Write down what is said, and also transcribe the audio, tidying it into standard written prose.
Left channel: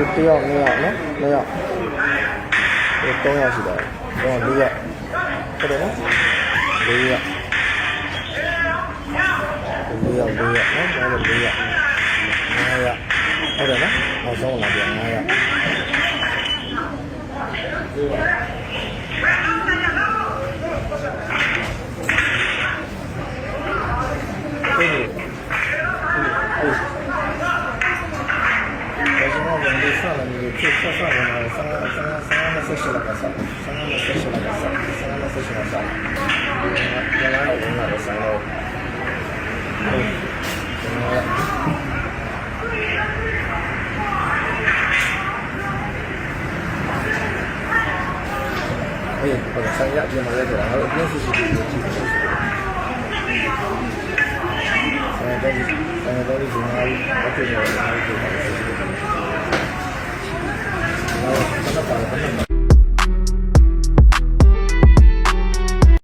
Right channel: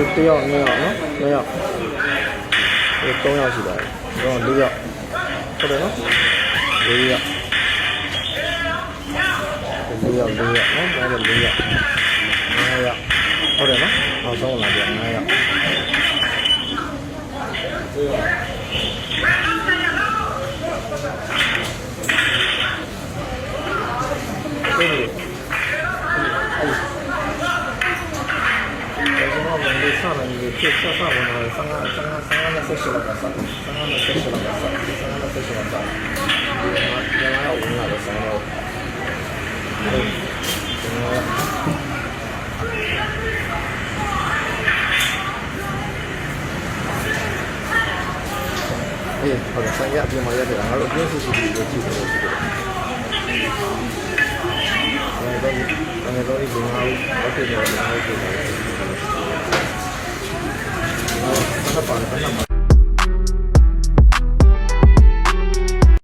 1ယောက်2ယောက်နော်2ယောက်3ယောက်ရှိတယ်တော့4ယောက်ဟုတ်တယ်နော်4ယောက်4ယောက်နော်ဒါလည်း4ယောက်5ယောက်ဟုတ်တယ်နော်နောက်ဆုံးလာပြန်5ယောက်上了你就上我那三安的设施了个啥？三安的设施了个啥？三安的设施了啥？原来要问那个什么？哎，好的，三亚这么要点，还有电视机有几个？大家都是平常我对着我